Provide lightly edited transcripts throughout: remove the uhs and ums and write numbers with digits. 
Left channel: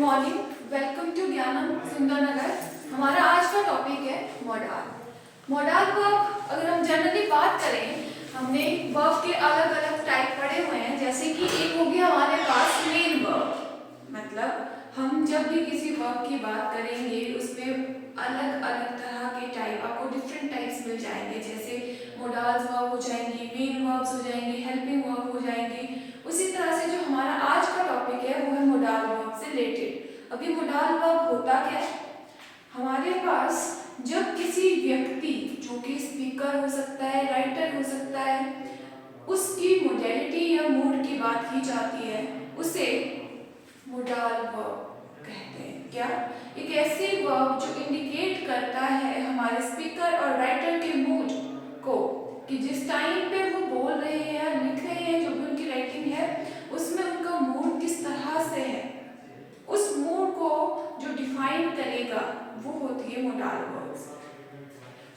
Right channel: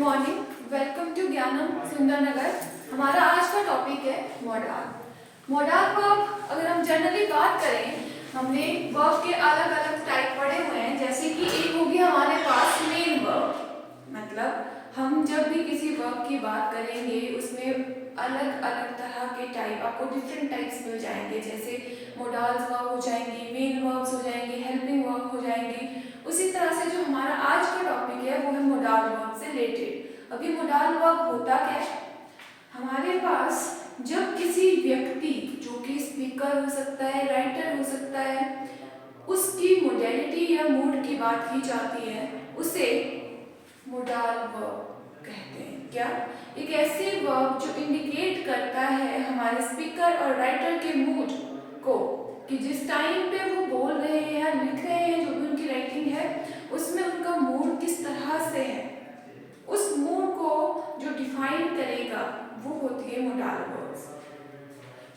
Morning, welcome to ज्ञानम सुंदरनगर। हमारा आज का टॉपिक है मॉडाल। मॉडाल वर्ब अगर हम जनरली बात करें, हमने वर्ब के अलग अलग टाइप पढ़े हुए हैं। जैसे कि एक हो गया हमारे पास मेन वर्ब, मतलब हम जब भी किसी वर्ब की बात करेंगे उसमें अलग अलग तरह के टाइप, आपको डिफरेंट टाइप्स मिल जाएंगे। जैसे मोडाल्स वर्ब हो जाएंगे, मेन वर्ब्स हो जाएंगे, हेल्पिंग वर्ब हो जाएंगे। उसी तरह से जो हमारा आज का टॉपिक है वो है मोडाल वर्ब से रिलेटेड। अभी मोडाल वर्ब होता क्या है, हमारे पास जब किसी व्यक्ति जो कि स्पीकर हो सकता है, राइटर हो सकता है, उसकी मोडेलिटी या मूड की बात की जाती है, उसे मोडाल वर्ब कहते हैं। क्या? एक ऐसी वर्ब जो इंडिकेट करता है हमारे स्पीकर और राइटर के मूड को, कि जिस टाइम पे वो बोल रहे हैं या लिख रहे हैं, जो भी उनकी राइटिंग है उसमें उनका मूड किस तरह से है, उस मूड को जो डिफाइन करेगा वो होती है modal verbs.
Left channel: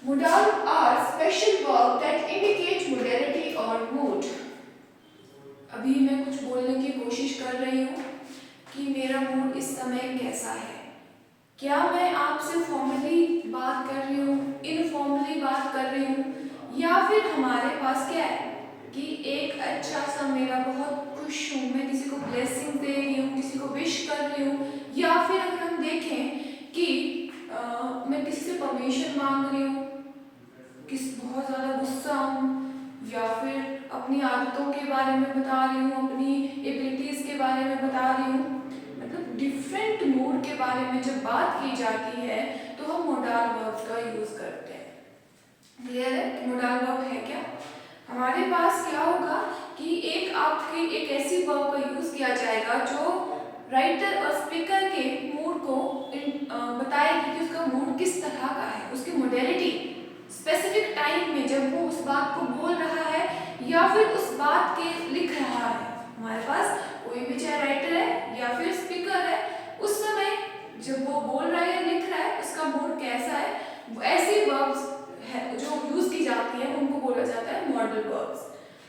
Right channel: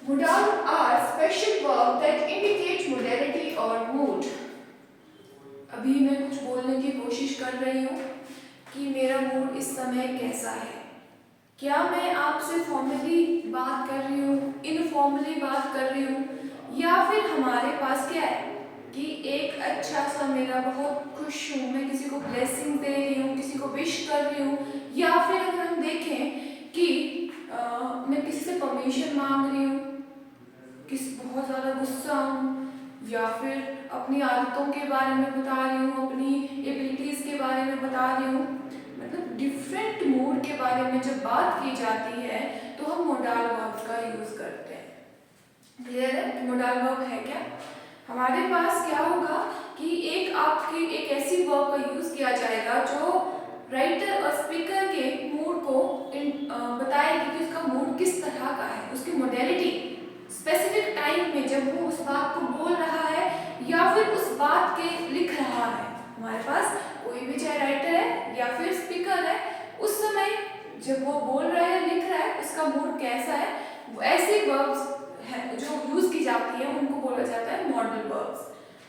Modal are special verb that indicate modality और मूड। अभी मैं कुछ बोलने की कोशिश कर रही हूँ कि मेरा मूड इस समय कैसा है। क्या मैं आपसे फॉर्मली बात कर रही हूँ, इनफॉर्मली बात कर रही हूँ, या फिर हमारे पास क्या है कि एक अच्छा सा, मेरा बहुत खुश हूँ, मैं किसी को ब्लेसिंग दे रही हूँ, किसी को विश कर रही हूँ, या फिर अगर हम देखें कि मैं किसी से परमिशन मांग रही हूँ, बहुत ज़्यादा गुस्सा हूँ, या फिर अपनी आदतों के बारे में बता रही हूँ, अपनी एबिलिटीज़ के बारे में बता रही हूँ। मतलब डिफरेंट मूड के बारे में जब बात की जाती है तो हम मोडाल वर्ब का यूज़ करते हैं। क्लियर है कि मोडाल वर्ब है क्या? हमारे पास क्या होगा कि एक ऐसी वर्ब का यूज़ किया जाएगा जो राइटर और स्पीकर के मूड को बताएगी कि उसका मूड किस तरह का है, उसकी मोडेलिटी स्पेसिफिक टाइम में जब वो उस बात को बोल रहा है या फिर उस बात के लिख रहा है। हमारे पास कोई भी चाहे राइटर है या फिर स्पीकर है, उस समय जब वो बोल रहा है, लिख रहा है, उसका मूड कैसा है, वो ऐसी वर्ब्स है जो यूज की जाती है, उनको बोला जाता है मॉडल वर्ब्स।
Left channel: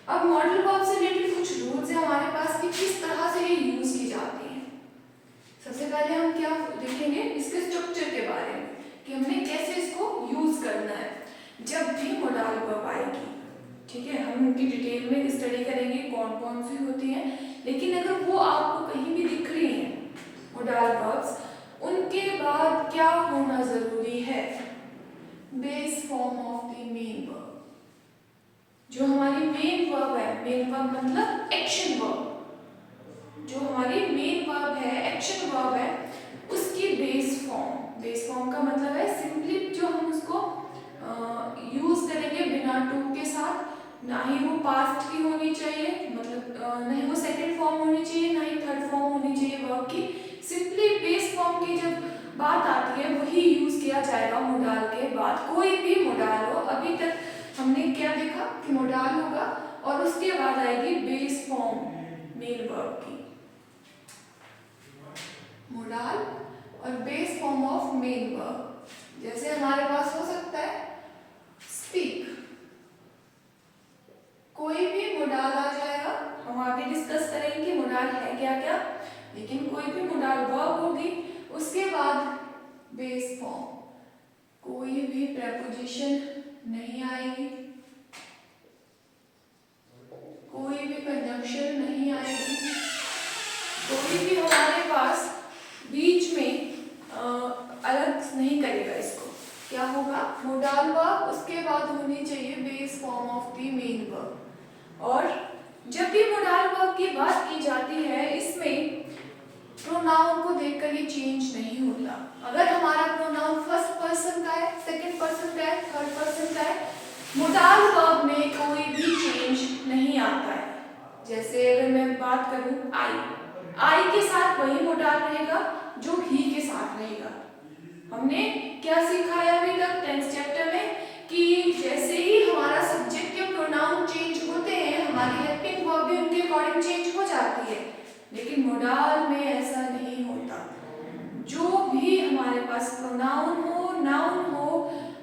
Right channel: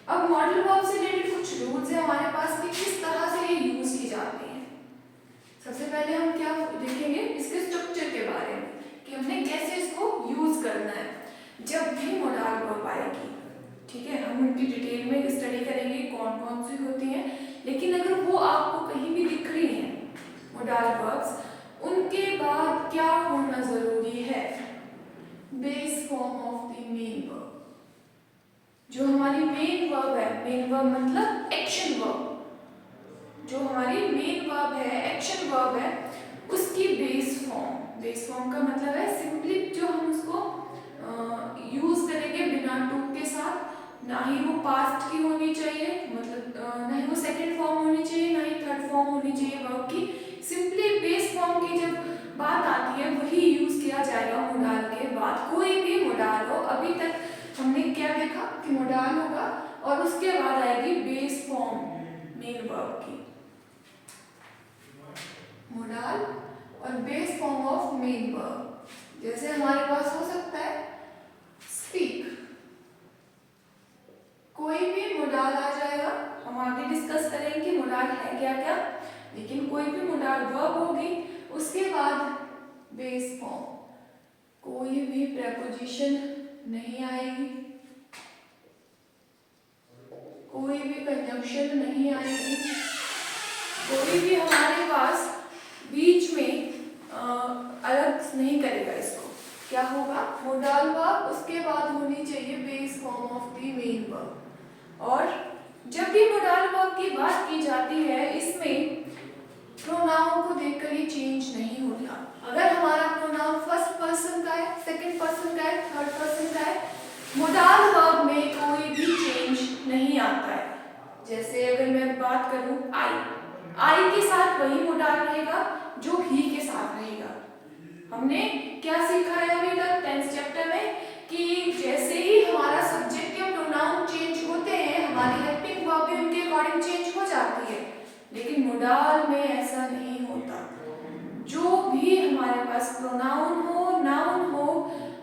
अब मॉडल वर्ब से रिलेटेड कुछ रूल्स है हमारे पास कि किस तरह से ये यूज की जाती है। सबसे पहले हम क्या देखेंगे, इसके स्ट्रक्चर के बारे में, कि हमने कैसे इसको यूज करना है जब भी मोडाल वर्ब आएगी। ठीक है, हम उनकी डिटेल में स्टडी करेंगे कौन कौन सी होती हैं, लेकिन अगर वो आपको कहीं भी दिख रही हैं मोडाल वर्ब्स, उनके बाद क्या होना जरूरी है? Base form of the main verb. जो हमारी मेन वर्ब है, मेन वर्ब मतलब एक्शन वर्ब, जो हमारी मेन वर्ब है, एक्शन वर्ब है, उसकी बेस फॉर्म का मतलब है सिंपली जो हम उसको यूज करेंगे बिना टू के साथ, ना ही वो पास्ट की होनी चाहिए, मतलब ना ही वो सेकंड फॉर्म होनी चाहिए, ना ही थर्ड फॉर्म होनी चाहिए वर्ब की। सिंपली बेस फॉर्म की जब बात आती है वही यूज किया जाएगा मोडाल के बाद। कोई भी मोडाल हो, अभी तक हमने क्या देखा कि मोडाल होगा और उसके बाद आएगी बेस फॉर्म मेन वर्ब की। मोडाल और base form of main verb. जैसे हमारे पास हो सकता है स्पीक, कोई भी मोडाल आ जाएगा, हम आगे डिस्कस करेंगे कि मोडाल है क्या क्या, लेकिन कोई भी मोडाल वर्ब होगी, उसके बाद बेस फॉर्म, कोई भी प्रेपोजिशन नहीं आएगी, कोई भी कंजंक्शन नहीं आएगी, कोई भी हमारे पास बीच में अलग नहीं करेगा इसको। क्या होगा? मोडाल वर्ब, उसके बाद होनी चाहिए base form of the main verb. और जब भी मोडाल वर्ब की बात की जाती है, इसमें प्रोनाउन को देखकर ये चेंज नहीं होता। अगर हमारा प्रोनाउन फर्स्ट पर्सन का है, सेकंड पर्सन का है, थर्ड पर्सन का है, मोडाल वर्ब में कोई भी चेंज नहीं आता है। जैसे अगर मैं बात करूं आई के साथ वही मोडाल रहेगा जो ही के साथ रहेगा। हमने क्या सीखा है अभी तक 10th चैप्टर में कि जैसे ही हमारा सब्जेक्ट के प्रोनाउन चेंज होते हैं, हमारी हेल्पिंग वर्ब भी उनके अकॉर्डिंग चेंज हो जाती है, लेकिन मोडाल में ऐसा नहीं होता। जो भी हमारे पास प्रोनाउन हो, नाउन हो,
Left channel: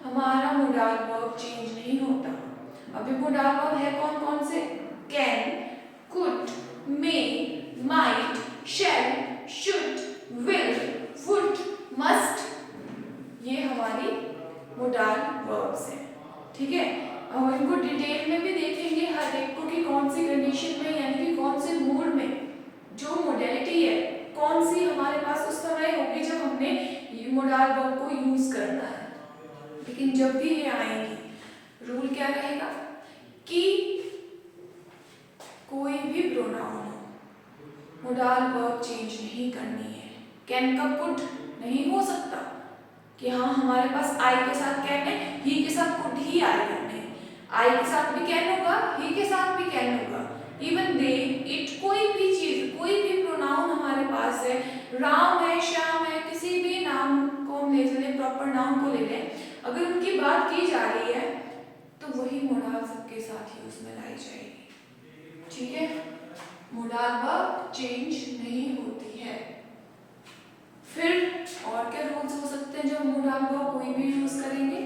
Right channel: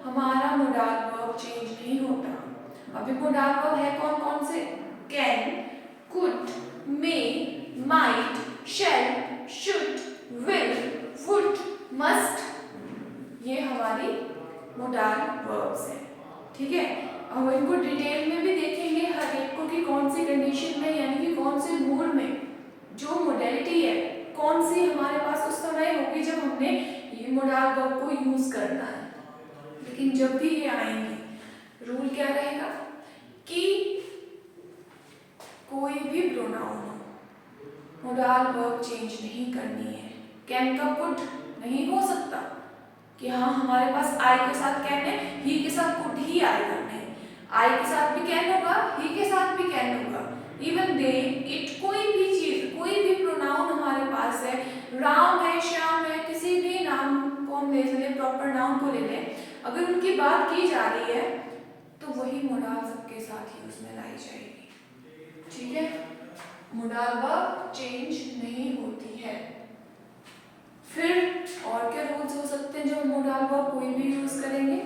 हमारा मोडाल वर्ब चेंज नहीं होता। अभी मोडाल वर्ब है कौन कौन से? Can, could, may, might, shall, should, will, modal verbs हैं। ठीक है, अब इनको डिटेल में भी देखेंगे हर एक को कि कौन सी कंडीशन में यानी कि कौन से मूड में जो मोडेलिटी है कौन सी हमारे पास उस समय होगी जब हमने ये मोडाल वर्ब को यूज करना है। लेकिन जब भी ये आएंगी रूल क्या रहेगा कि कोई भी प्रोनाउन हो मोडाल वर्ब चेंज नहीं करनी है। कैन का कुड नहीं हो सकता कि हाँ हमारे पास आई के साथ कैन है, ही के साथ कुड ही आएगा, नहीं, आई के साथ भी कैन होगा, ही के साथ भी कैन होगा। इवन दे, इट, कोई भी चीज, कोई भी प्रोनाउन हमारे पास है, राम है, श्याम है, किसी भी नाम को हम ले लें, प्रॉपर नाउन को ले लें, अगर उनकी बात की जा रही है तो वही मोडाल सबके साथ ही उसमें लाई जाएगी। ठीक है, मोडाल वर्ब चेंज नहीं होती है। फिर और क्या रूल्स हो सकते हैं जो मोडाल वर्ब कोई भी यूज करेंगे?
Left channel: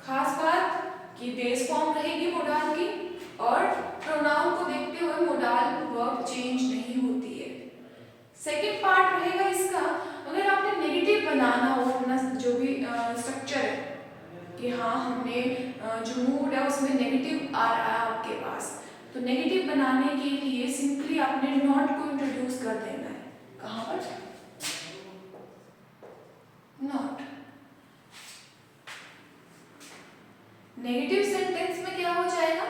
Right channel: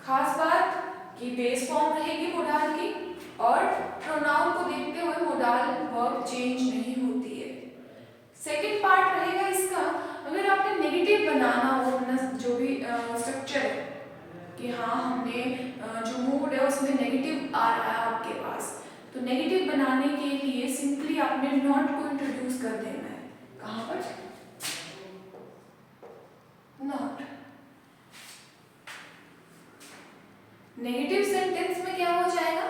खास बात कि बेस फॉर्म रहेगी मोडाल की और प्रोनाउन को देखते हुए मोडाल वर्ब चेंज नहीं होती है। सेकंड पार्ट रहेगा इसका, अगर आपने नेगेटिव बनाना हो अपना जो भी स्ट्रक्चर है कि हाँ हमने जो मूड है उसमें नेगेटिव आ रहा है आपके पास, तो नेगेटिव बनाने के लिए सिंपली आपने नॉट को इंट्रोड्यूस कर देना है। कहाँ पर? नॉट। नेगेटिव सेंटेंस में क्या हो जाएगा,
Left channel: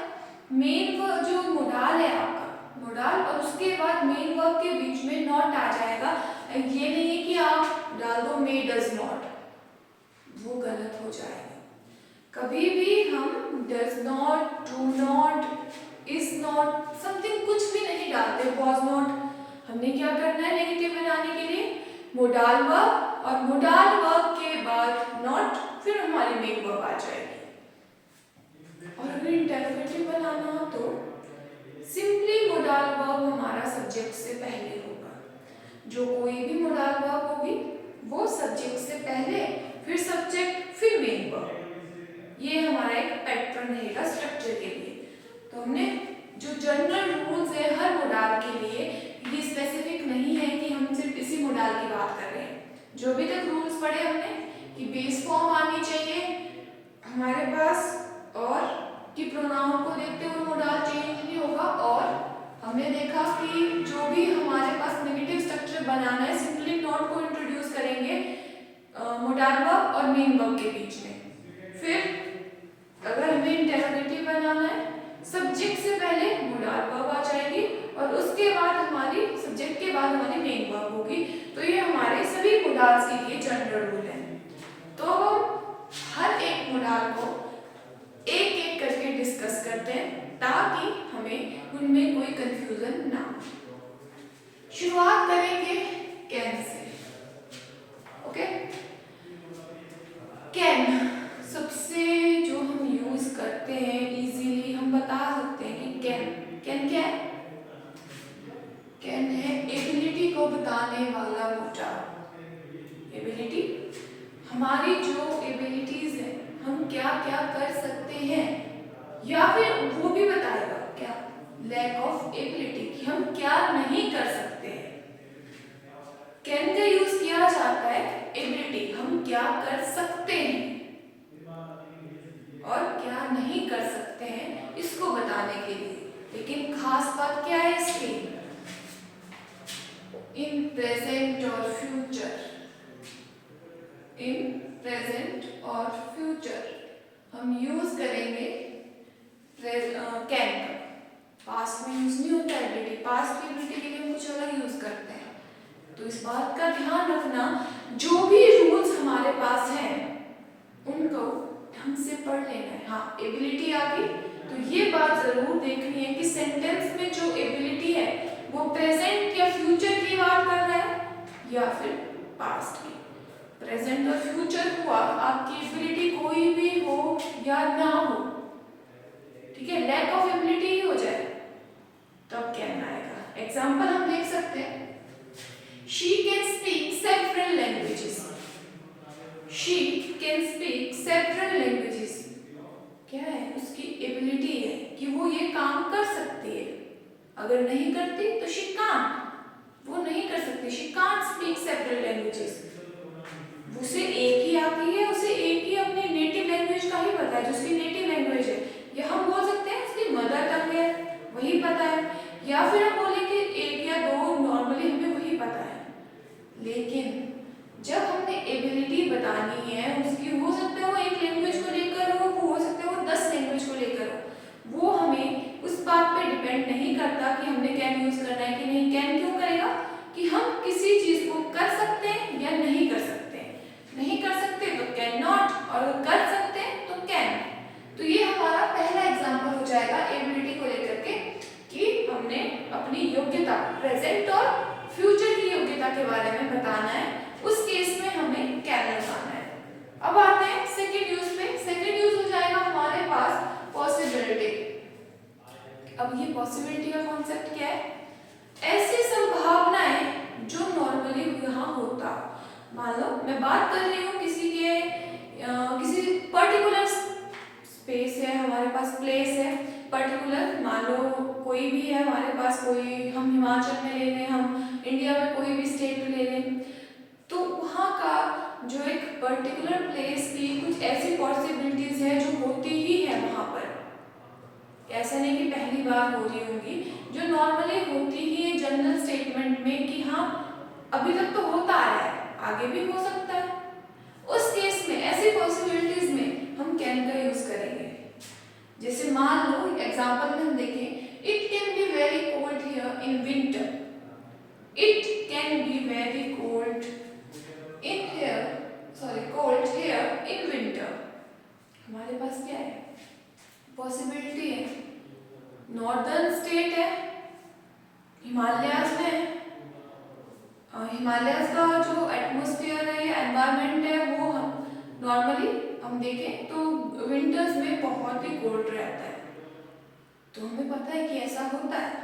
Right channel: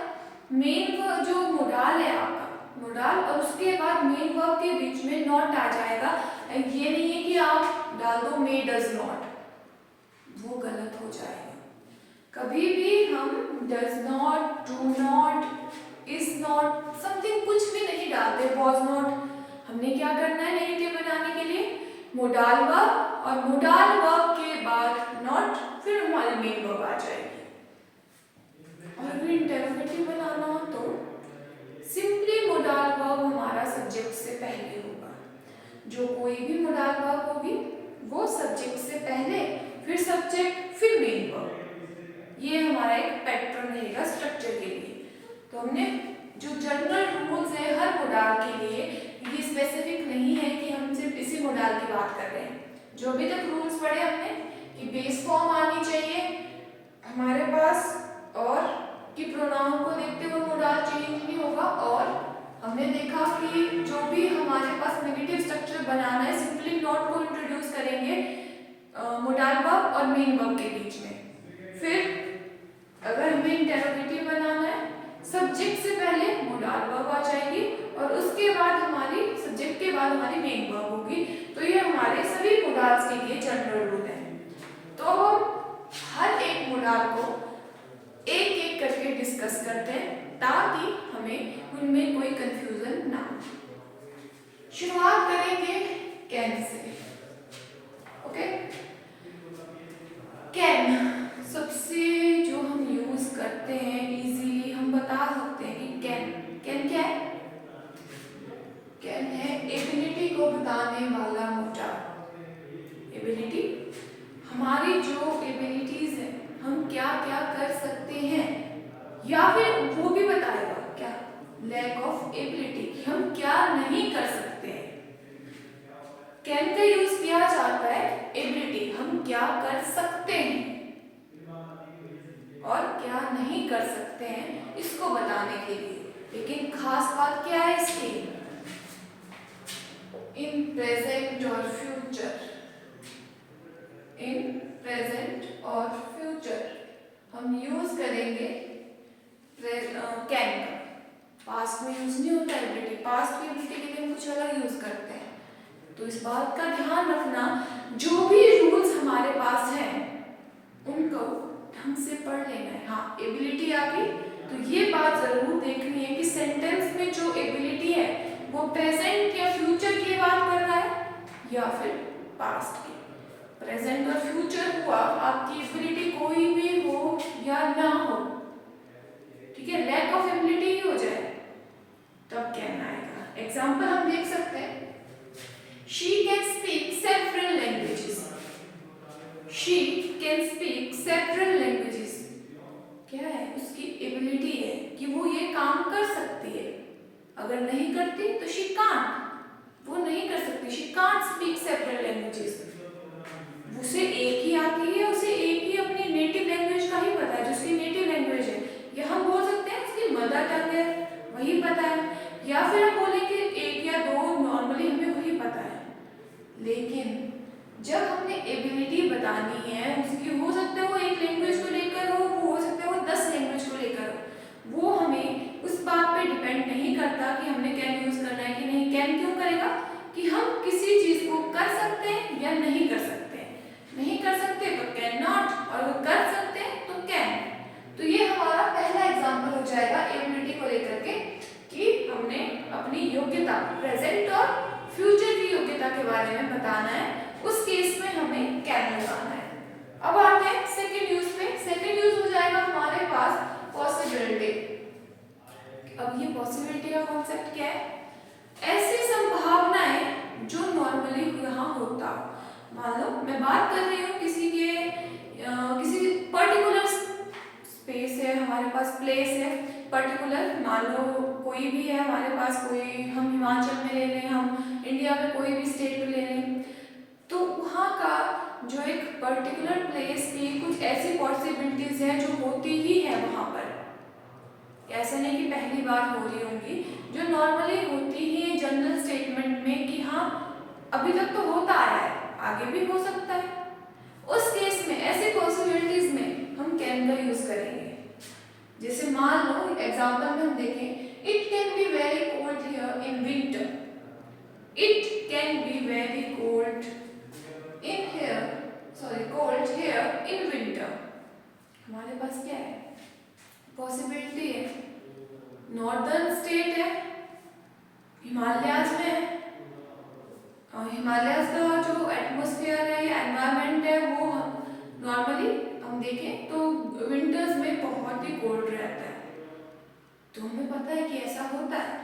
मेन जो मोडाल है आपका मोडाल और उसके बाद मेन वर्ब के बीच में नॉट आ जाएगा। ये नहीं है कि आप डाल दो मे डज नॉट, वो गलत हो जाएगा। कभी भी हम does not, do not, is not, something कुछ भी नहीं डालते, वॉज नॉट। हमने क्या करना है नेगेटिव बनाने के लिए? मोडाल वर्ब और मोडाल वर्ब के बाद नॉट, फिर हमारी मेन वर्ब आ जाएगी। और अगर इंटरोगेटिव बनाना हो तो सिंपली मोडाल वर्ब हमारा सब्जेक्ट से पहले होगा। जो कोई भी मोडाल वर्ब होगी वो सब्जेक्ट से पहले, फिर सब्जेक्ट, फिर मेन वर्ब। ये हमारा एक पैटर्न रहेगा स्ट्रक्चर के लिए। तो हमने जो जनरल रूल्स है हर मोडाल के लिए, ये स्पेसिफिक नहीं है कि हम सिर्फ इसी मोडाल की बात कर रहे हैं। जो भी तक रूल्स पढ़े हमने कि बेस फॉर्म आनी चाहिए हमारे पास और कि प्रोनाउन को देखते हुए मोडाल चेंज नहीं होगा, और हमने देखा कि जो भी हमारे पास नेगेटिव स्ट्रक्चर बनाना है सिंपली नॉट को इंट्रोड्यूस करेंगे मोडाल वर्ब और मेन वर्ब के बीच में। फिर अगर हमें इंटरोगेटिव बनाना है सब्जेक्ट से पहले मोडाल वर्ब आ जाएगी और उसके बाद हमारी सब्जेक्ट के बाद हमारी मेन वर्ब होगी। तो ये हमारे सभी मोडाल्स के लिए जनरल रूल है। तो हम हर एक मोडाल को एक एक करके डिस्कस करते हैं ताकि हमें उनमें कोई कंफ्यूजन ना हो। शुरुआत करेंगे कैन से। ओके, कैन सबसे जो हम यूज करते हैं इजीली हम बता सकते हैं कि कैन क्या है? कैन है एबिलिटी को बताने वाला मोडाल। एबिलिटी, हमारी जो एबिलिटीज है हम क्या क्या कर सकते हैं, या फिर वो भी बताएगा क्या, लैक ऑफ एबिलिटी, हम क्या नहीं कर सकते हैं। कैन का यूज किया जाता है एबिलिटी, हम क्या कर सकते हैं और क्या नहीं कर सकते हैं इसको बताने के लिए। लेकिन खास बात क्या है इसकी, इन प्रेजेंट और फ्यूचर, इन प्रेजेंट और फ्यूचर हम यूज करेंगे कैन का। पास्ट में यूज नहीं होता एबिलिटी, पास्ट की एबिलिटी के लिए हम कुछ अलग यूज करते हैं। तो इस बात का ध्यान रखना, जो भी रूल्स हमारे पास हैं उनको ढंग से पढ़ लेना है। हाँ, एबिलिटी आ गई तो ये बात जरूर देखनी है कि सेंटेंस में जो एबिलिटी है वो प्रेजेंट या फ्यूचर की बात कर रहा है या फिर पास्ट की। प्रेजेंट और फ्यूचर हुआ, आपकी एबिलिटी कोई भी हो या ना हो, ठीक है, लैक ऑफ एबिलिटी ही हो जाए तब कहना आएगा। एग्जाम्पल हम देख सकते हैं, she can speak several languages, she can speak several languages, क्या है उसकी एबिलिटी है कि वो ये काम कर सकती है। अगर नहीं करती तो she can't, वो नहीं कर सकती, she can't speak several languages। उसे एक ही आती है, उसे एक ही अपनी नेटिव लैंग्वेज लेकिन जब हमने एबिलिटी बतानी है उसकी, हो सकता है वो एक लैंग्वेज को लेकर हो सकता है वो 10 लैंग्वेज को लेकर हो, वो हमें उस बात पे डिपेंड नहीं करता कि हमने कैन यूज करना है कि नहीं। कैन क्यों करेगा कि हम किसी चीज को कर सकते हैं या नहीं कर सकते हैं। नहीं कर सकते तो कैन नॉट, और अगर कर सकते हैं तो कैन। तो ये हमारा पहला एग्जाम्पल हो जाएगा एबिलिटी को लेकर के कि हमने अपनी योग्यता प्रेजेंट और फ्यूचर की योग्यता के बारे में बताना है। उस केस में हमें कैन लगाना है। अब आते हैं सेकेंड यूज पे। सेकेंड यूज हो जाएगा हमारे पास पॉसिबिलिटी। अब ये पॉसिबिलिटी का कॉन्सेप्ट क्या है? ऐसी संभावनाएं जो नॉर्मली यहाँ होता हो। मान लो मैं बात कर रही हूँ किसी किसी पर्टिकुलर स्पेस है हमारे पास, प्लेस है पर्टिकुलर, मान लो कोई भी है हमारे पास, कोई हम हिमाचल में ले लें, हम इंडिया में कोई भी स्टेट ले लें, तो वहाँ का जो एक पर्टिकुलर प्लेस की कुछ ऐसी पॉसिबिलिटीज है जो होती ही है वहाँ पर। ऐसा नहीं कि पहली बार हो रही होंगी, जो नॉर्मली होती ही है जनरल स्टेटमेंट में कि हाँ अभी तक तो होता आया है, आगे भी हो सकता है। उस केस में ऐसी पॉसिबिलिटीज में हम कैन का यूज करेंगे। जैसे मान लो एग्जांपल में हम देखें, it can be very cold here in winter. It can be very cold cold here in winter. हमारे पास क्या है? पॉसिबिलिटी है, नॉर्दर्न स्टेट है, हिमालयाज में है, और हिमालयाज का जो एटमॉस्फेयर है या एनवायरनमेंट है वो नॉर्मली हम देखें तो विंटर्स में बहुत ही कोल्ड रहता है। तो हमें पता है कि ऐसा होता है,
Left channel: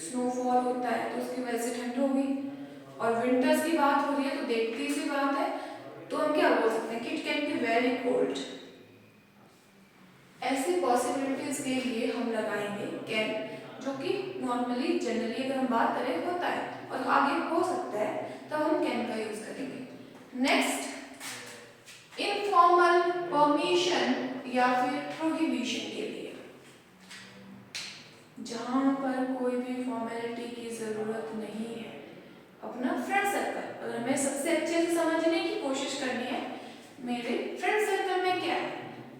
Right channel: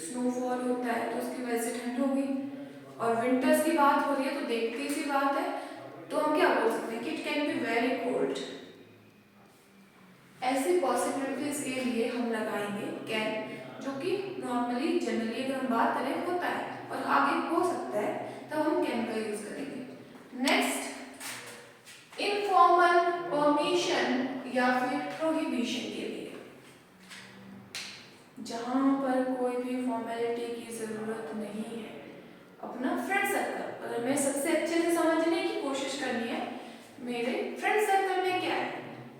स्नोफॉल होता है तो उसकी वजह से ठंड होगी, और विंटर्स की बात हो रही है तो देखती सी बात है, तो हम क्या बोल सकते हैं कि it can be very cold. ऐसी पॉसिबिलिटीज के लिए हम लगाएंगे कैन, जो कि नॉर्मली जनरली अगर हम बात करें होता है और आगे हो सकता है, तब हम कैन का यूज करेंगे। नेक्स्ट, इनफॉर्मल परमिशन या फिर प्रोहिबिशन के लिए, जहां पर कोई भी फॉर्मेलिटी की जरूरत नहीं है। अपना फ्रेंड सर्कल, अगर मैं सबसे अच्छे से समझने की कोशिश करनी है मेरे फ्रेंड सर्कल में क्या है,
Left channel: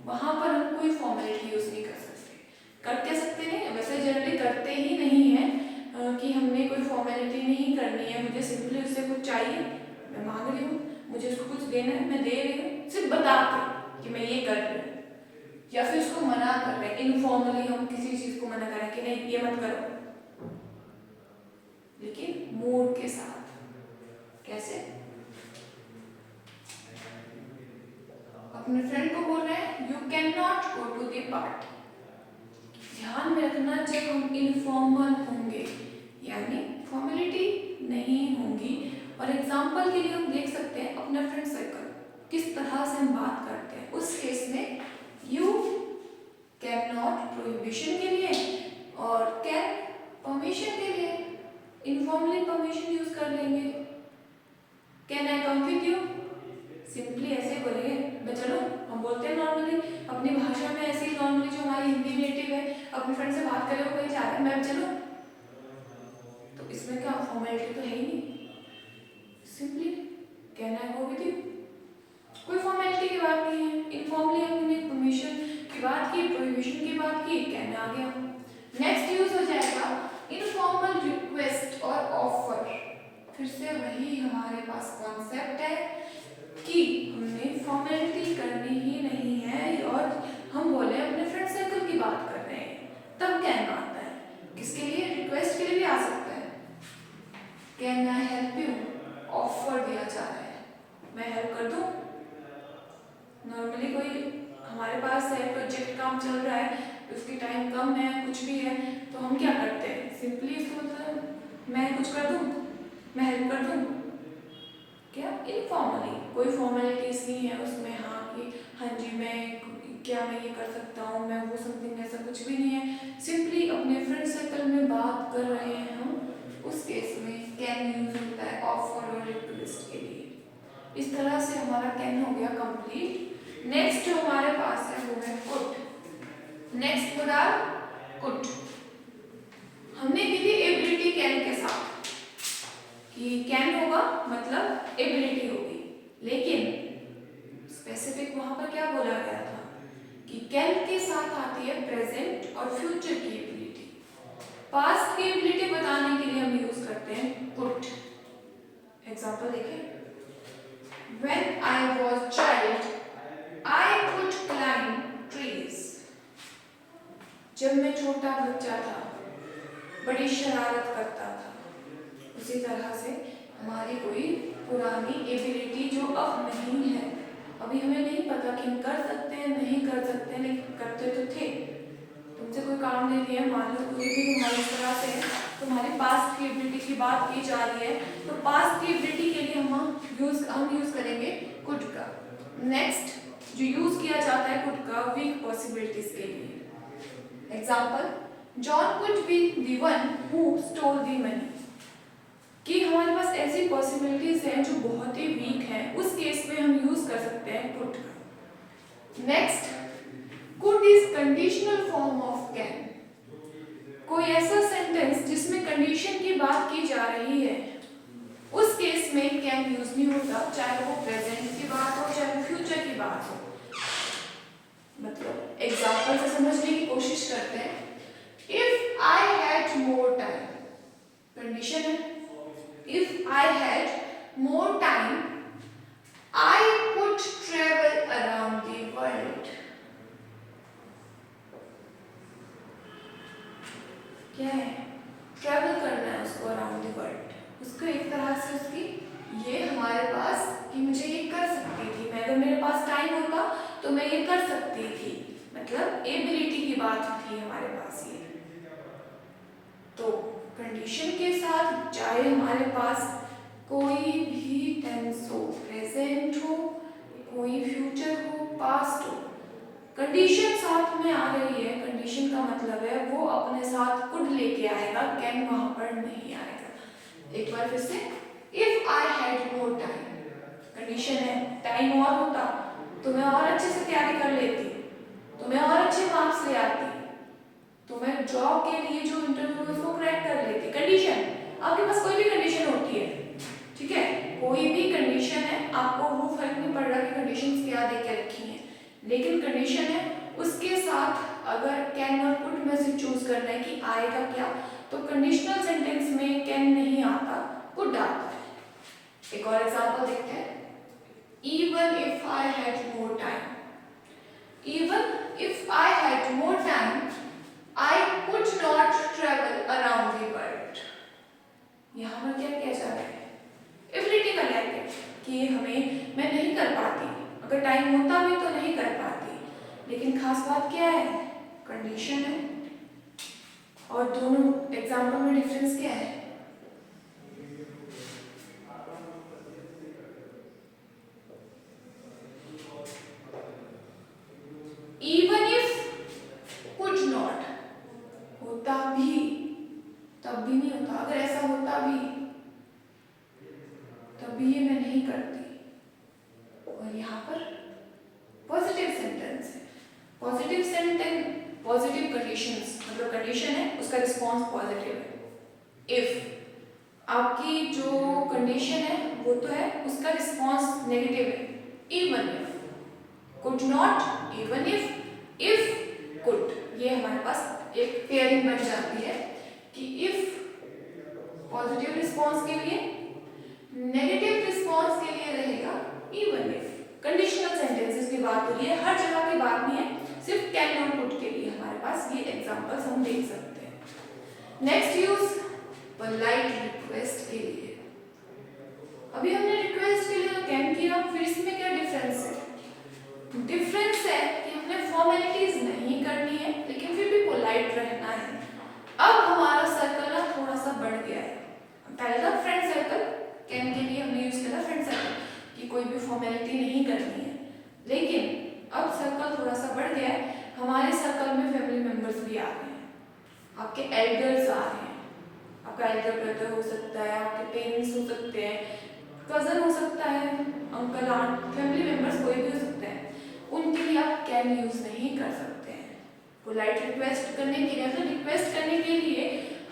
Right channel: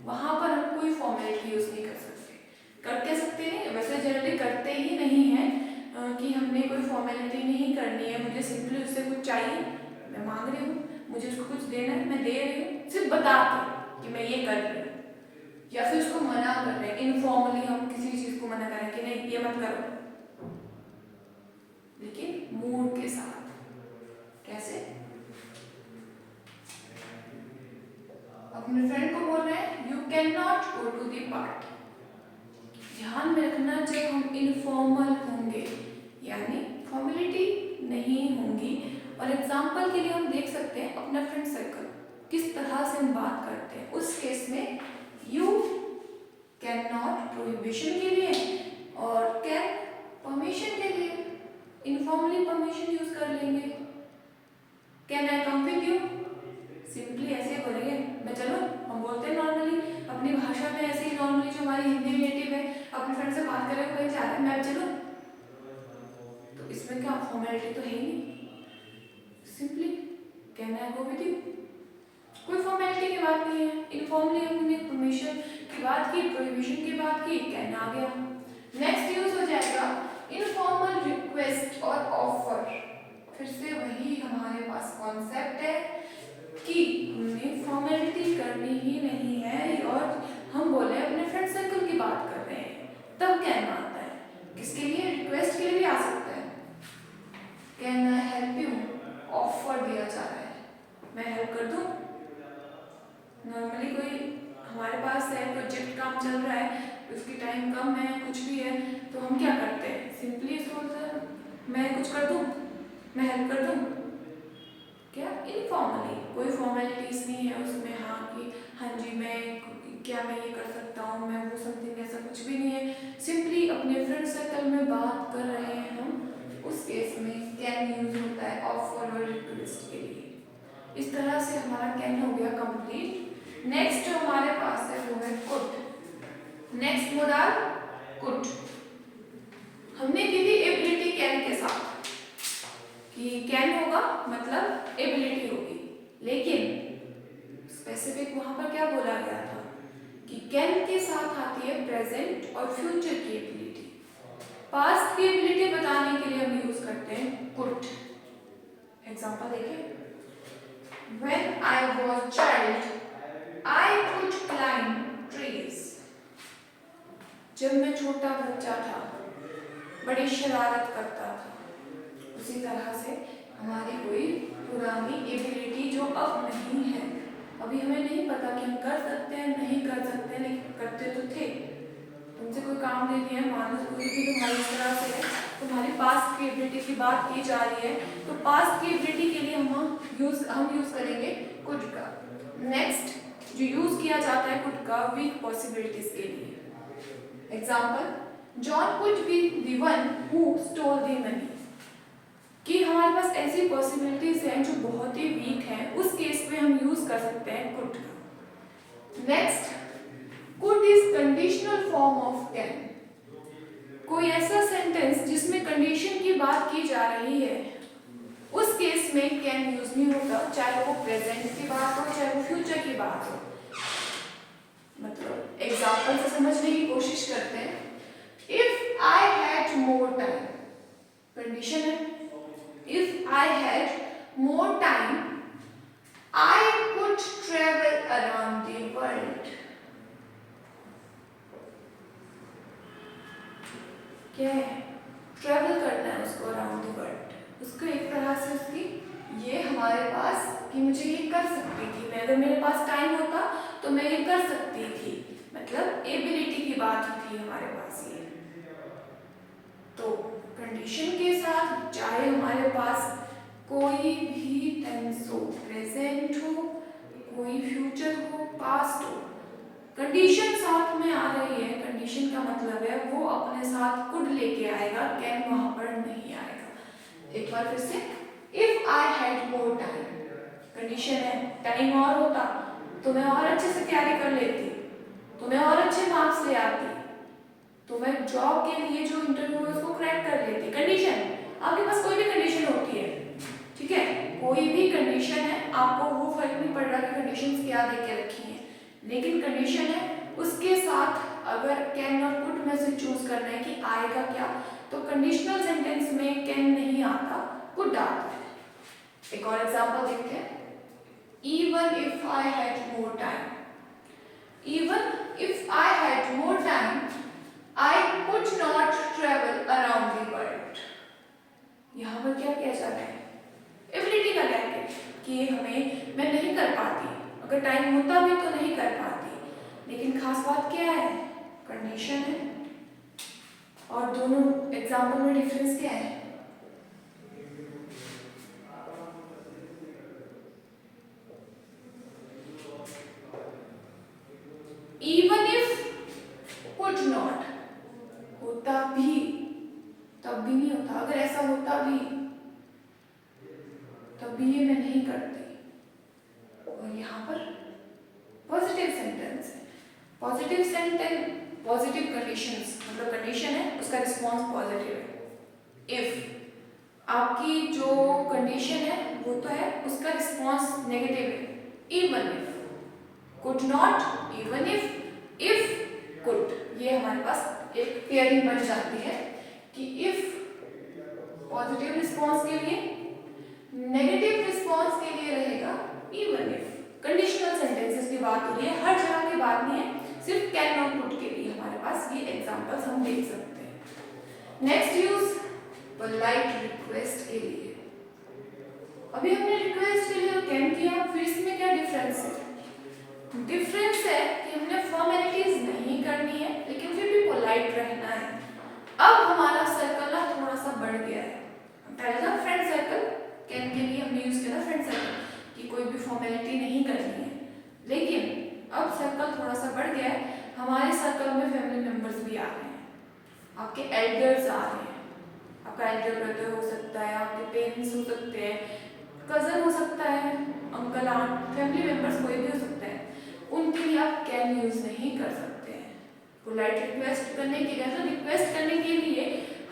वहां पर हम कोई फॉर्मेलिटी यूज नहीं कर सकते। करते सकते नहीं, वैसे जनरली करते ही नहीं है कि हमने कोई फॉर्मेलिटी नहीं करनी है। मुझे सिंपली उससे कुछ चाहिए, मैं मांग रही हूँ, मुझे उसको कुछ देना है, मैं दे रही हूँ, सिर्फ बता के कि मैं ये कर रही हूँ, या फिर उसको मना कर रहे हैं। इनफॉर्मली हम किसी चीज को मना करें कि नहीं ये मत करो, लेकिन मूड के साथ। कैसे? अपने फ्रेंड को बोल रहे हैं you can not go to the party. ध्यान में रखना, जब हम इनफॉर्मल होंगे यानी फॉर्मेलिटी नहीं होंगी। और एग्जाम्पल के लिए हम देख सकते हैं अपना फ्रेंड सर्कल किस तरह से हम बात करते हैं। उस केस में यू कैन नॉट प्रोहिबिशन के लिए और कैन परमिशन के लिए इनफॉर्मली परमिशन यूज कर लेंगे। Can I come with you, simply ऐसे बोलेंगे मैं चलो। हम बोलते हैं नॉर्मली अपनी भाषा में ऐसे ही, नॉर्मली जो हमारी हिंदी नेटिव है अपने फ्रेंड से बात करें वो कहीं जा रहे हैं, मैं चलो, तो इसमें क्या फॉर्मेलिटी तो है ही नहीं, simply can I go with you, कोई फॉर्मेलिटी की बात नहीं है। इनफॉर्मली हमने परमिशन की बात की, प्रोहिबिशन की बात की, कैन आ गया। नेक्स्ट यूज हो जाएगा इनफॉर्मल रिक्वेस्ट और ऑफर। फिर से वही हमारे पास कॉन्सेप्ट है कि हमें फॉर्मेलिटी करनी ही नहीं है और हम बोले अपने फ्रेंड सर्कल की बात कर रहे हैं, तब कैन आता है। किसके लिए? रिक्वेस्ट के लिए भी आ सकता है, can I help you, offer दिया जा रहा है, मैं हेल्प कर दूं। नॉर्मली कोई हमारे पास है, प्रोजेक्ट काम चल रहा है, उसकी टाइम कम है, कुछ भी है, तो हम क्या करते हैं, सिंपली इसको बोलते हैं मैं कुछ कर दूं, मैं हेल्प कर दूं। क्या? इनफॉर्मली, कोई फॉर्मेलिटीज नहीं है उसमें, हाँ कि हाँ जी मैं ये कर सकता हूँ, मैं वो समथिंग, ऐसा कुछ भी नहीं है। सिंपली अपने फ्रेंड सर्कल में बात कर रहे हैं हम, उस केस में कैन यूज होता है ऑफर और रिक्वेस्ट के लिए। इस तरह से हमारा कैन हो गया कंप्लीट। नेक्स्ट जो हमारे पास है वो है कुड। Next modal could. हमने की थी एबिलिटी कैन के साथ, कि कैन होगा मतलब एबिलिटी होगी, लेकिन स्पेसिफिक वहां पर क्या बोला गया था कि कैन के साथ आती है प्रेजेंट और फ्यूचर की एबिलिटी। पास्ट की एबिलिटी बताने के लिए हम यूज करते हैं कुड। एग्जांपल देखिए, when I was child I could climb trees. जब मैं छोटा बच्चा था बड़ी शरारत करता था। उसी तरह से हमारी कोई पुरानी एबिलिटी जो अब नहीं है, अभी हमें नहीं पता कि हम कर सकते हैं नहीं कर सकते हैं, लेकिन करते तो थे। तुमसे कोई काम दे दिया, मान लो कोई भी तुम्हारी तरह से है, तुम्हारी पास्ट की एबिलिटी की बात की जा रही है, तो पास्ट की एबिलिटी के लिए हम यूज करेंगे कुड का। नेक्स्ट जो यूज किया जाता है कुड का वीक पॉसिबिलिटीज के लिए। Example, John could be the one who stole the money. कि हमारे पास ऐसी पॉसिबिलिटीज हैं जो बहुत ही वीक हैं, उस केस में हम यूज कर सकते हैं कुड का। Next, could is conditional form of can. कोई ऐसा सेंटेंस जिसमें कंडीशन की बात की जा रही है, उस केस में कैन यूज नहीं होता, चाहे वो प्रेजेंट की बात हो चाहे वो फ्यूचर की बात हो। मतलब एग्जाम्पल से समझने की कोशिश करते हैं। If I had more time, condition है, if I had more time, I could travel around the world. क्या है? ट्रेवल करना है उसको अराउंड द वर्ल्ड। उसको एक तरह से उसकी ये हमारे पास कि मुझे ये कर सकती थी, मैं अगर मेरे पास टाइम होता तो मैं ये कर सकती थी, मतलब एबिलिटी की बात थी हमारे पास ये। तो कंडीशन के साथ चाहे हमारे पास कोई भी टेंस हो, प्रेजेंट हो, कोई फ्यूचर हो, पास्ट हो, कंडीशन साथ में आ रही है, कंडीशन का मतलब है वो अपने साथ कुड लेके आएगा, कैन वहां पर नहीं आएगा। एक बार फिर से, if I had more time, condition है, टाइम और होता तो मैं और अच्छे से तैयारी कर लेती, तो मैं और अच्छे मार्क्स ले आती, तो मैं जॉब के लिए जो इंटरव्यू है उसको क्रैक कर लेती। कंडीशन, आपके पास कोई भी कंडीशन होती है, ठीक है, कोई भी कंडीशन है, आपको वो फर्क नहीं पड़ रहा कि कंडीशंस क्या दे के रखी हैं, लेकिन कंडीशन है उसके साथ अगर कैन और कुड में से चूज करना है कि आएगा क्या, तो कंडीशनल सेंटेंस में कैन नहीं आता, कुड आता है। एक और एग्जांपल देखते हैं, even if I had more time, even if I had more time I could not travel around the world. यहाँ पर क्या किया जा रहा है? एबिलिटी का लेके कि हमें मैं नहीं कर पाती, अगर टाइम होता भी तो नहीं कर पाती, लेकिन खास बात क्या है? कंडीशन है। और दोनों एग्जाम्पल में डिफरेंस क्या है? Even if could not, होता भी तब भी नहीं होता, अगर ऐसा होता भी तब भी ये मैं नहीं करती। और यहाँ पर पॉजिटिव सेंटेंस है, पॉजिटिव सेंटेंस, पॉजिटिव कंडीशंस, मतलब कंडीशन है उसका रिस्पॉन्स पॉजिटिव है। इफ आपकी जो कंडीशन है वो तो है, उसका रिस्पॉन्स नेगेटिव है। Even if, could not, even if could, ये हमारे पास एक पेयरिंग बन जाती है कि इफ पॉजिटिव रिस्पॉन्स के लिए, नेगेटिव रिस्पॉन्स के लिए रहेगा इवन इफ। कंडीशनल सेंटेंसेस की बात हो रही है, हर जगह की बात नहीं है, सिर्फ कैन और कुड के लिए हमारे पास ये एग्जांपल्स हम देख सकते हैं। नेक्स्ट यूज पोलाइट रिक्वेस्ट के लिए। अभी हमने रिक्वेस्ट के लिए कैन किया, फिर इसमें क्या डिफरेंस है? डिफरेंस है कि हमने फॉर्मेलिटीज नहीं करनी है, लेकिन फिर भी पोलाइट रहना है। अब हमारा सर्कल ना थोड़ा सा बढ़ गया है। पहले था फ्रेंड सर्कल, कैन के लिए हमने यूज किया था फ्रेंड सर्कल कि कोई भी फॉर्मेलिटी नहीं करनी है, लेकिन अब सर्कल थोड़ा सा बढ़ गया है। हमारे सर्कल में फैमिली मेंबर्स भी आ रहे हैं, आपके एल्डर्स आ रहे हैं, आपका एल्डर ब्रदर हो सकता है, आपके पेरेंट्स हो सकते हैं, कजन हो सकता है, अंकल आंट, फैमिली मेंबर्स कोई भी हो सकते हैं, उनके लिए आप कैन यूज नहीं कर सकते हैं। पोलाइट रिक्वेस्ट करने के लिए, तो रिक्वेस्ट करने के लिए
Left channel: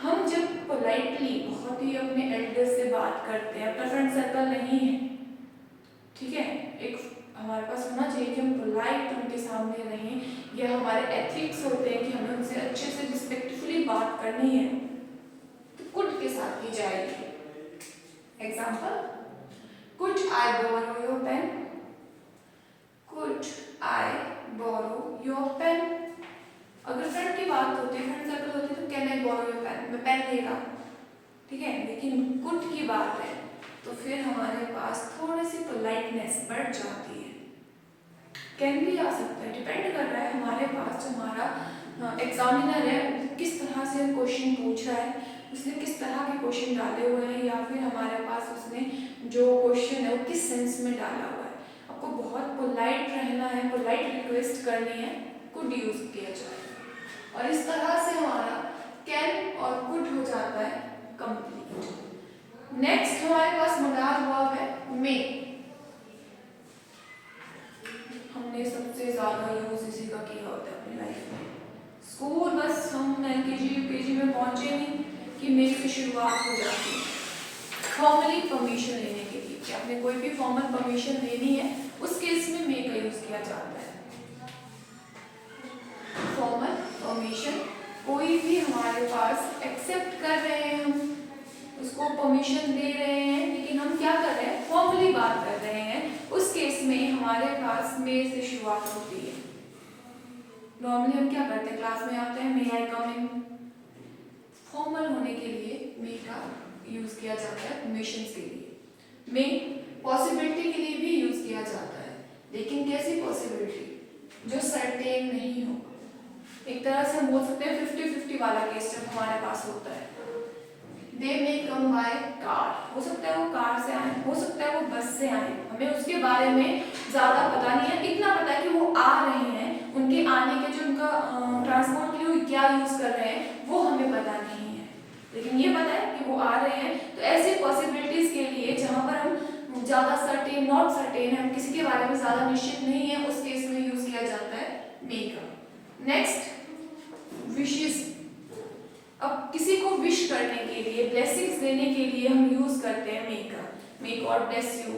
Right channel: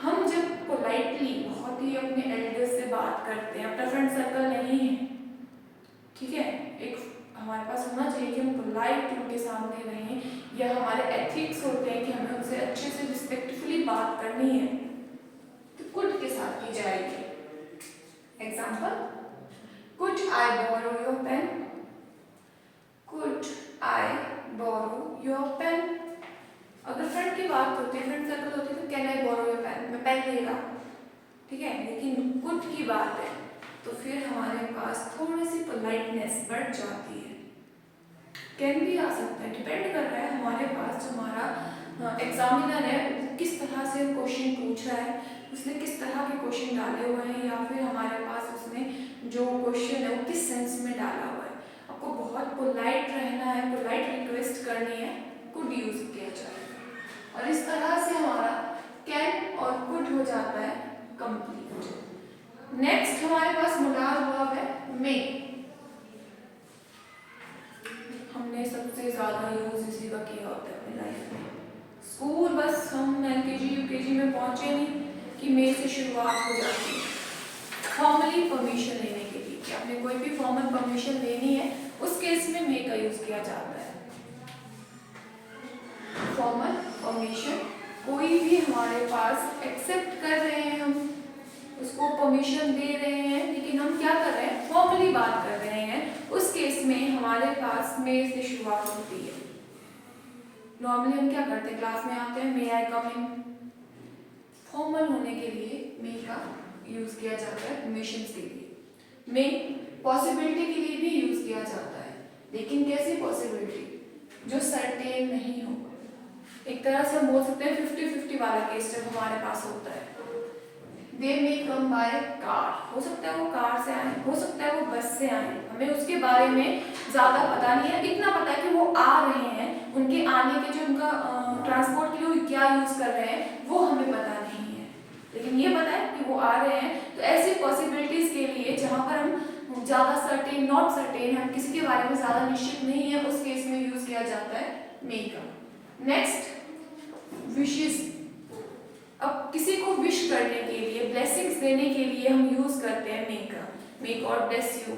हम जब पोलाइटली बहुत ही अपने एल्डर से बात करते हैं, अपना फ्रेंड सर्कल नहीं है, ठीक है, एक हमारे पास होना चाहिए कि हम पोलाइट उनके सामने रहें, या हमारे एथिक्स होते हैं कि हमें उनसे अच्छे से रिस्पेक्टफुली बात करनी है, तो कुड के साथ की जाएगी। Example, could I borrow your pen, could I borrow your pen. अगर फ्रेंड की बात होती है, फ्रेंड सर्कल होती है, तो can I borrow your pen, मैं पेन ले रहा हूँ, ठीक है, लेकिन कुड की बात है तो फिर हमारे पास थोड़ी सी पोलाइटनेस बढ़ जाती है। कैन भी आ सकता है, डिपेंड कर रहा है हमारे पास जो हमारा एग्जामिनर है किस तरह से क्वेश्चन पूछ रहा है, उसने किस तरह के क्वेश्चन डाले हुए हैं, या फिर हमारे पास उसने जो क्वेश्चन है वो किस सेंस में डाला हुआ है। आपको बहुत पोलाइट रहना है, पोलाइट रिक्वेस्ट करनी है, कुड यूज किया जाएगा, और इस तरह से हमारा कैन और कुड हो जाता है कंप्लीट। नेक्स्ट हमारे पास मोडाल वर्ब है मे। हमने सबसे ज्यादा यूज इसी का किया होता है अपनी लाइफ में। स्कूल बस हम एलकेजी यूकेजी में पहुंचे नहीं कि मे से शुरुआत हो जाती है फॉर्मली परमिशन लेने के लिए, कि आपने कोई भी फॉर्मल परमिशन लेनी है उस केस में मे का यूज किया जाता है। फॉर्मल परमिशन कोई भी हमारे पास एक्सेप्ट कर रहे हैं, हम उसको परमिशन दे रहे हैं, लेकिन हम क्या कर रहे हैं, फॉर्मली बात कर रहे हैं, उस केस में हमारे पास मे से शुरुआत होती है। नॉर्मली हम क्या करते हैं, क्लास में आते हैं, मे आई कम इन, फॉर्मल होने के लिए मे का यूज किया जाता है परमिशन के लिए। मे पॉसिबिलिटी के लिए भी यूज किया जाता है, लेकिन कैसी पॉसिबिलिटी, जो सर्टेन नहीं हो। एक तरह से हम बोल सकते हैं 50-50 वाला केस जब हमारे पास होता है। दे मे कम बाय कार, हो सकता है वो कार से आए, हो सकता है वो बस से आए, हमें उसके बारे में ज़्यादा पता नहीं है, इतना पता है कि वो आ रहे हैं, उनके आने के जो उनका ट्रांसपोर्ट के लिए क्या यूज़ कर रहे हैं वो हमें पता नहीं है, लेकिन ये पता है कि वो आ रहे हैं। तो ऐसी पॉसिबिलिटीज़ के लिए जहाँ पर हम ज़्यादा सर्टेन, नॉट सर्टेन, हम किसी के बारे में ज़्यादा निश्चित नहीं है, उस केस में यूज़ किया जाता है मे का। Next, wishes. अब किसी को विश करने के लिए, ब्लेसिंग्स देने के लिए हम यूज करते हैं मे का। मे गॉड ब्लेस यू,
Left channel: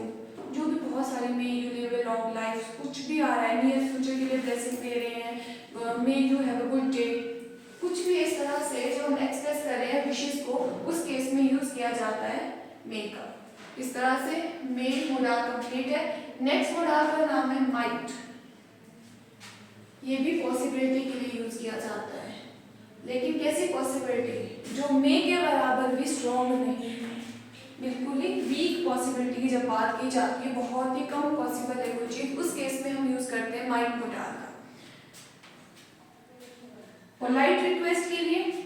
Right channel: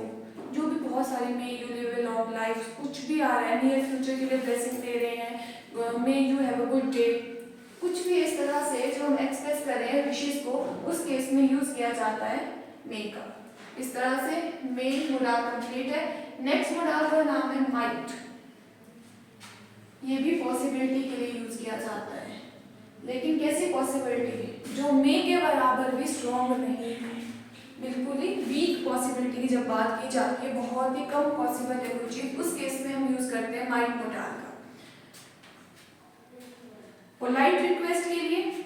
जो भी बहुत सारे, may you live a long life, कुछ भी आ रहा है, नियर फ्यूचर के लिए ब्लेसिंग दे रहे हैं, may you have a good day, कुछ भी इस तरह से जो हम एक्सप्रेस कर रहे हैं विशेस को, उस केस में यूज किया जाता है मे का। इस तरह से मे मोडाल कंप्लीट है। नेक्स्ट मोडाल का नाम है माइट। ये भी पॉसिबिलिटी के लिए यूज किया जाता है, लेकिन कैसी पॉसिबिलिटी, जो मे के बराबर भी स्ट्रॉन्ग नहीं है, बिल्कुल ही वीक पॉसिबिलिटी की जब बात की जाती है, बहुत ही कम पॉसिबल है कोई चीज, उस केस में हम यूज करते हैं माइट मोडाल का। पोलाइट रिक्वेस्ट के लिए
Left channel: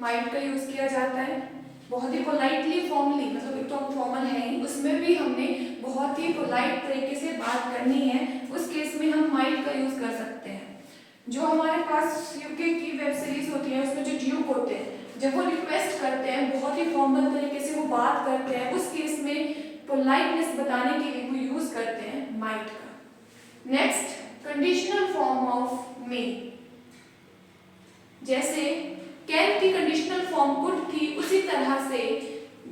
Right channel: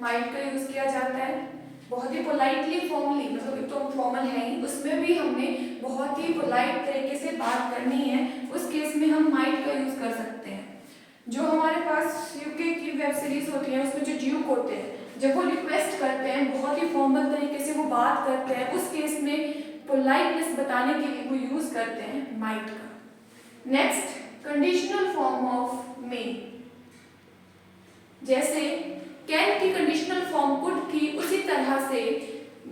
माइट का यूज किया जाता है, बहुत ही पोलाइटली, फॉर्मली, मतलब एक तो फॉर्मल है ही, उसमें भी हमने बहुत ही पोलाइट तरीके से बात करनी है, उस केस में हम माइट का यूज कर सकते हैं। जो हमारे पास यूके की वेब सीरीज होती है, उसमें जो ड्यूक होते हैं, जब वो रिक्वेस्ट करते हैं, बहुत ही फॉर्मल तरीके से वो बात करते हैं, उस केस में पोलाइटनेस बताने के लिए वो यूज करते हैं माइट का। Next, conditional form of May. जैसे कैन की कंडीशनल फॉर्म कुड थी, उसी तरह से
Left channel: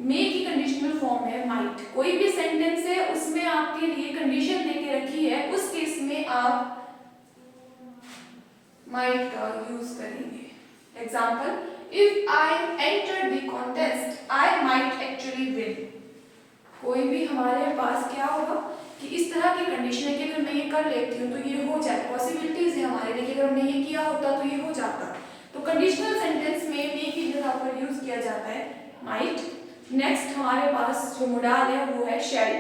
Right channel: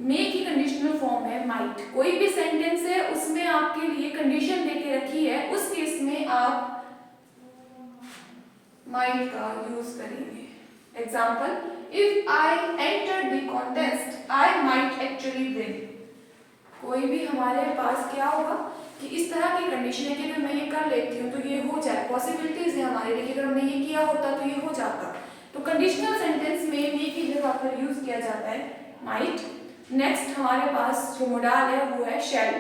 मे की कंडीशनल फॉर्म है माइट। कोई भी सेंटेंस है उसमें आपके लिए कंडीशन देके रखी है, उस केस में आप माइट का यूज करेंगे। Example, if I enter the contest I might actually win. कोई भी हमारे पास क्या होगा कि इस तरह की कंडीशन है कि अगर मैं ये कर लेती हूँ तो ये हो जाए, पॉसिबिलिटीज है हमारे लिए कि अगर हमने ये किया होता तो ये हो जाता। तो कंडीशनल सेंटेंस में मे की जगह पर यूज किया जाता है माइट। नेक्स्ट हमारे पास जो मोडाल है वो है शैल।